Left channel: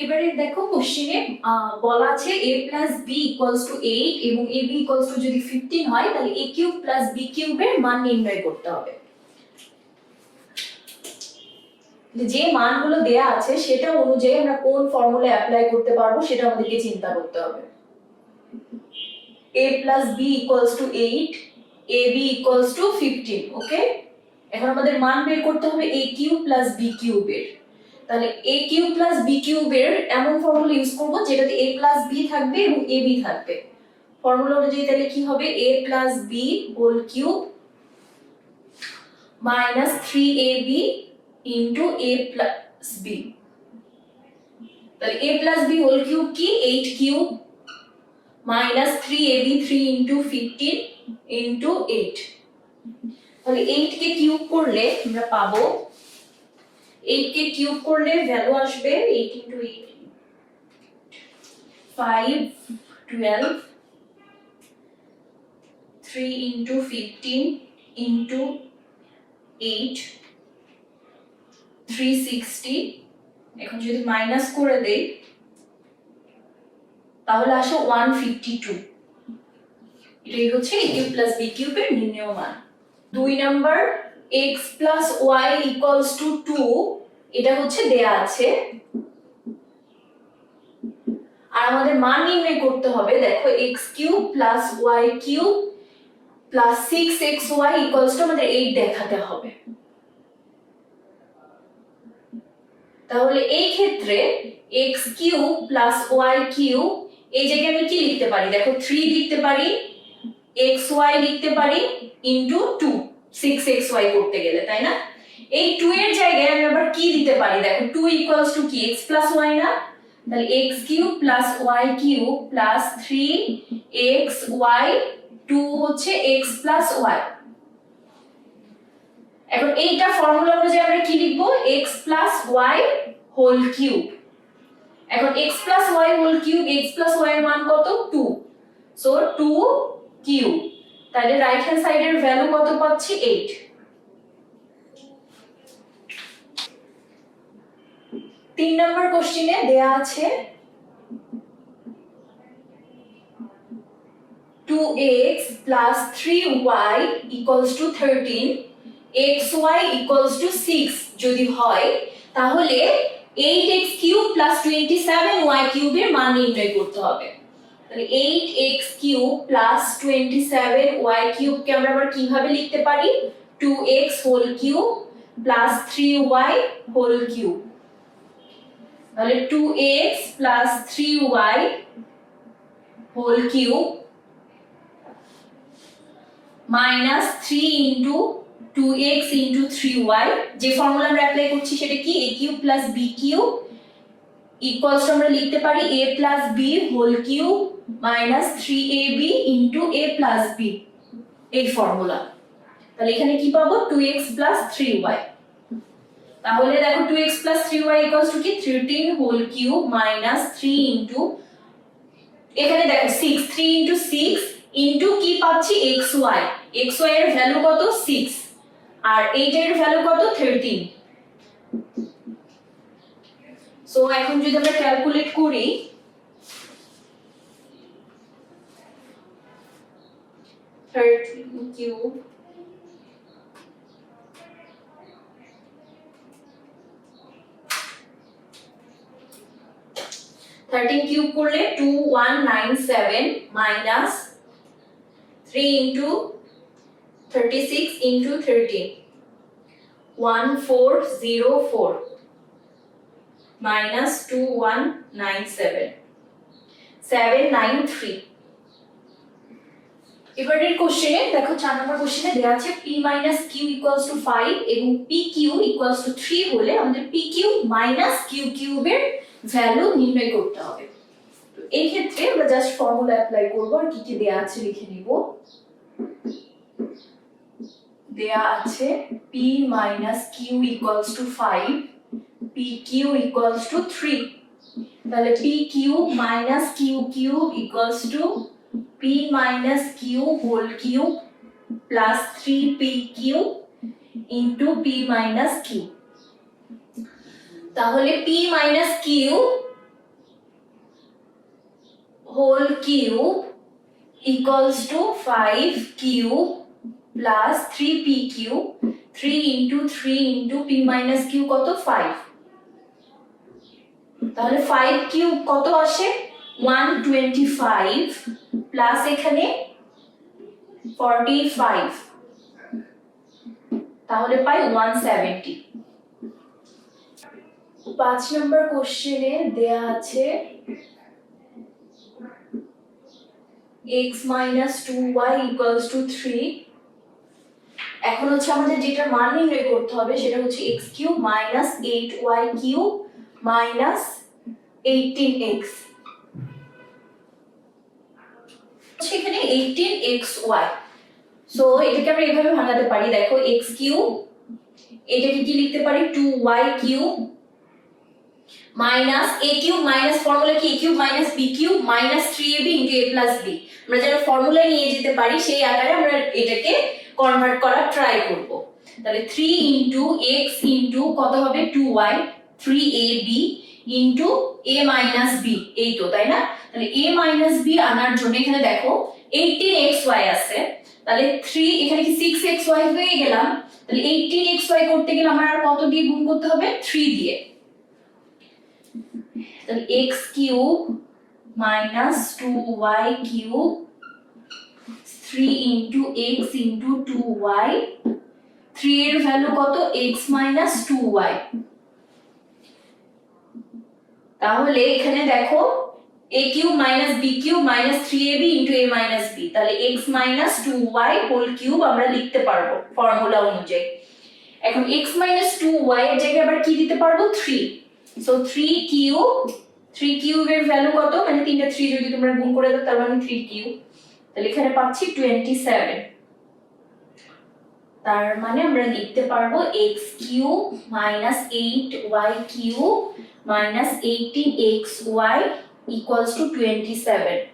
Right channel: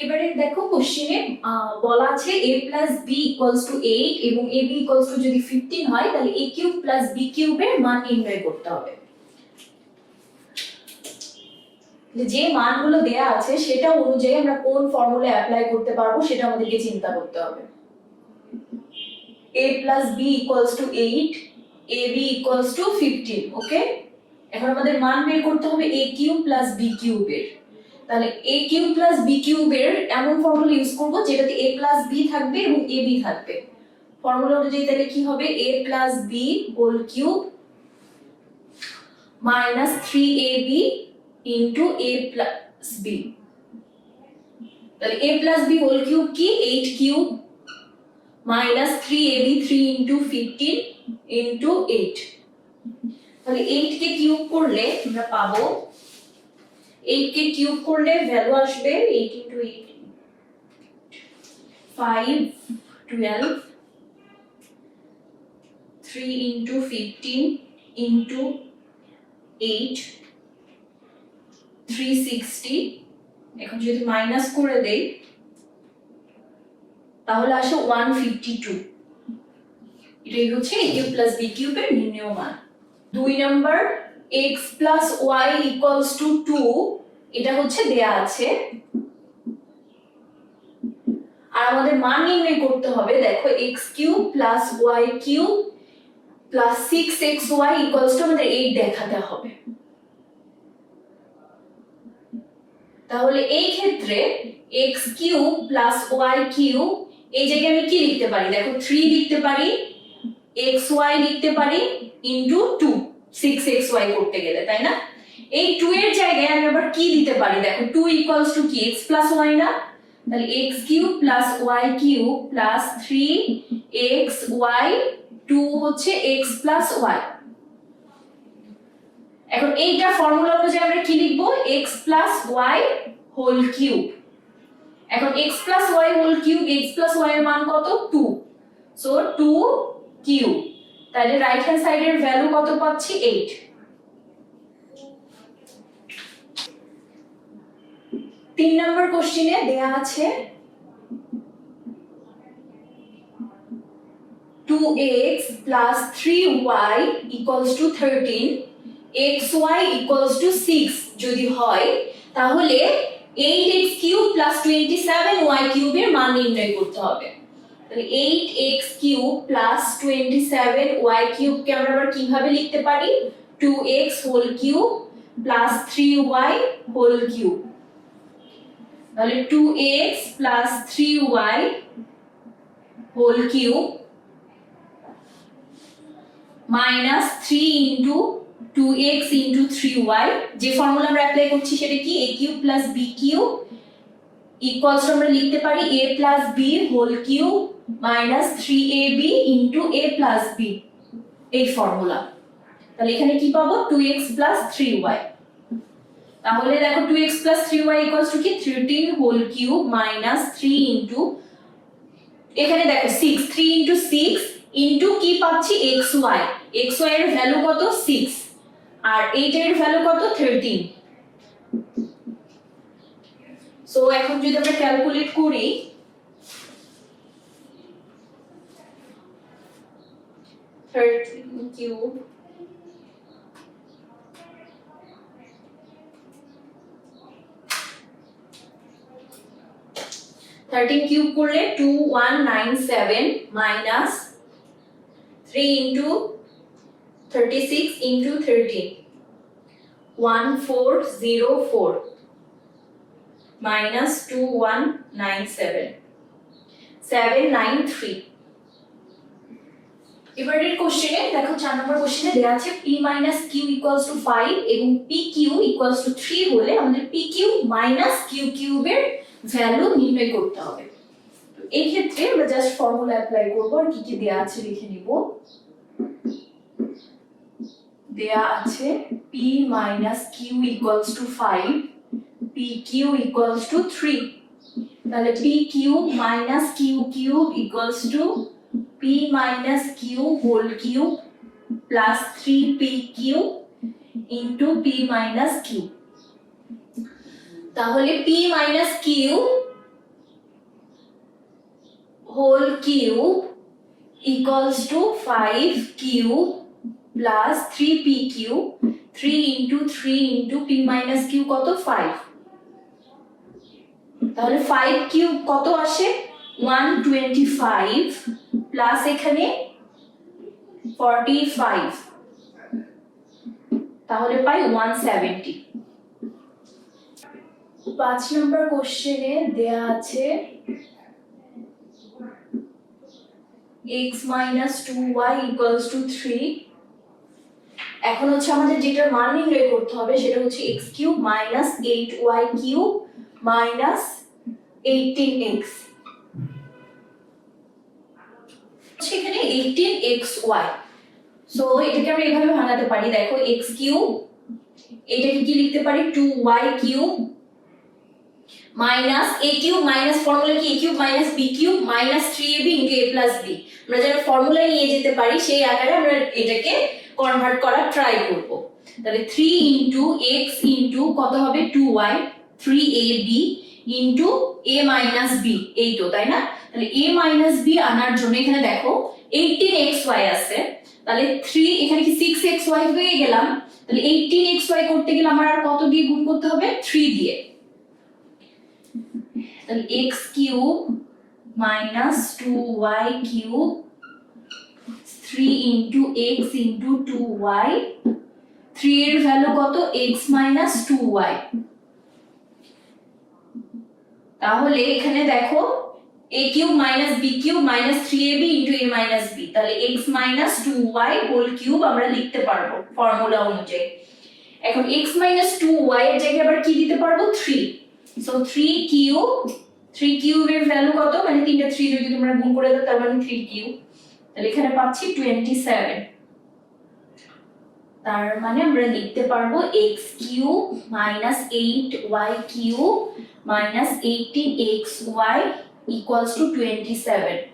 এবারে দেখো কোশ্চেনে বলা আছে a plus b equals to 8 এবং ab equals to যদি 15 হয় তাহলে a cube plus b cube এর মান নির্ণয় করতে হবে। যে মানগুলো দেয়া আছে সেটা অনুযায়ী আমরা কোন ফর্মুলা অ্যাপ্লাই করতে পারবো সেটা আমাদেরকে চিন্তা করতে হবে। a plus b equals to 8, ab equals to 15, ওকে? এখন আমাদের মান বের করতে হবে a cube plus b cube এর। তাহলে a cube plus b cube এর এমন ফর্মুলা ইউজ করব যেটাতে a plus b থাকবে এবং ab থাকবে। ফর্মুলা অনুযায়ী তাহলে কি হবে a plus b whole cube minus 3ab into a plus b। তাহলে a plus b whole cube কি 8 cube minus 3ab 3 into 15 into 8। তাহলে 8 কে কিউব করলে আমরা পাবো 8 কে কিউব করলে ভ্যালু আসবে 8 into 8 5 12 3 into 15 into 8 360। এখন যদি মাইনাস করে দেই তাহলে আসে 152। এটাই হচ্ছে a cube plus b cube এর নির্ণেয় মান। 2 number x plus y equals to 2 এটা হচ্ছে দেয়া আছে আর আমাদের মান নির্ণয় করতে হবে। দেখো x cube plus y cube plus 6xy equals to আমাদের 8 দেখাতে হবে। তাহলে এই ক্ষেত্রে x cube plus y cube এই জায়গায় আমি কি লিখতে পারি? দেখো 3 লিখতে পারি, xy লিখতে পারি into 2 6xy করতে গেলে, তাই না? এই 2 এর জায়গায় আমি আবার কি দিতে পারি? দেখো 2 equals to কি x plus y না? তাহলে x cube plus y cube plus 3xy 2 হচ্ছে x plus y। এখন এইটা ফর্মুলা অনুযায়ী আমরা কি লিখবো? x plus y whole cube. এখন x plus y whole cube, x plus y এর মান কত? 2, সো 2 কিউব। তাহলে রাইট হ্যান্ড সাইডের ভ্যালু কত পাচ্ছি? 8। 3 নাম্বার কোশ্চেনে দেয়া আছে 2x plus 3y equals to 13, xy equals to 6 যদি হয় তাহলে 8x cube plus 27y cube এর মান নির্ণয় করতে হবে। তাহলে 8x cube plus 27y cube কে আমরা আবার কিভাবে লিখতে পারি? 2x whole cube plus 3y whole cube। তাহলে 2x plus 3y whole cube minus 3 into 2x into 3y। যে ফর্মুলা আমরা অ্যাপ্লাই করছি সেটা কি? a cube plus b cube equals আমরা লিখতে পারি a plus b whole cube minus 3ab into a plus b, এই ফর্মুলা। তাহলে এখানে কি পাবো? 2x plus 3y। তাহলে দেখো 2x plus 3y equals to কি 13 whole cube minus 3 into এখানে দেখো 6 3 into 6 into কি পাচ্ছি? xy। xy এর ভ্যালু কত? 6 আর 8 এর ভ্যালু কত? 13। সো এখন যদি আমরা ক্যালকুলেট করি 13 কিউব করলে 2197 minus 3 into 36 into 13 1404 minus 2197 793। এবারের কোশ্চেনে দেখো 4 নম্বর কোশ্চেনে দেয়া আছে p minus q equals to 5 এবং pq equals to 3 হলে আমাদের pq minus qq এর ভ্যালু নির্ণয় করতে হবে। তো এই ক্ষেত্রে আমরা জাস্ট ফর্মুলা অ্যাপ্লাই করব আর কি কি দেয়া আছে লিখে নিব। দেয়া আছে p minus q equals to 5, pq equals to 3। তাহলে pq minus qq equals to p minus q whole cube plus 3pq into p minus q। তাহলে p minus q whole cube equals to 5 cube plus 3p cube 3 into 3 into p minus q কত 5। তাহলে 5 cube কত আসে 125 plus এখানে 45 তাহলে পাই 170। 5 নম্বর কোশ্চেনে দেয়া আছে x minus 2y equals to 3। এখন হচ্ছে আমাদের যেটা মান নির্ণয় করতে হবে সেটা হচ্ছে x cube minus 8y cube minus 18x। সেখানে 18xy, সো এটাকে আমরা এভাবে ভাঙাতে পারি, দেখো x cube এটাকে কি লিখতে পারি 2y cube minus a cube minus formula কি a cube minus b cube minus 3ab into a plus b। আমরা যেন ফর্মুলা নিয়ে যেতে পারি সেই আকারে আমরা এটাকে কনভার্ট করার ট্রাই করব। তাহলে 3 ইনটু x ইনটু কত হবে 2y 3ab into a minus b, এই তো তাই না। তাহলে a মাইনাস b আনার জন্য এখানে দেখো 18xy আছে, তাহলে 3 এখানে কি 6xy হয়ে গেলাম, তাহলে 18xy করতে গেলে আমার আর কত দিয়ে গুণ করতে হবে 3 দিয়ে। তাহলে x cube minus 2y cube 3 into x into 2y, 3 এর ভ্যালু কত x মাইনাস 2y। তাহলে এখানে দেখো a cube minus b cube minus 3ab into a minus b, তাহলে x minus 2y whole cube আমরা লিখতে পারবো ফর্মুলা অনুযায়ী। এখন x মাইনাস 2y এর জায়গায় আবার কি দিতে পারবো 3, সো 3 কিউবের ভ্যালু কত, মানে তিনটা 3 যদি তোমরা গুণ করে দাও তার মানে 3 কিউব, তাহলে এখানে পাচ্ছি 27। তার মানে আমরা লিখতে পারবো x cube minus 8y cube minus 18xy equals to 27।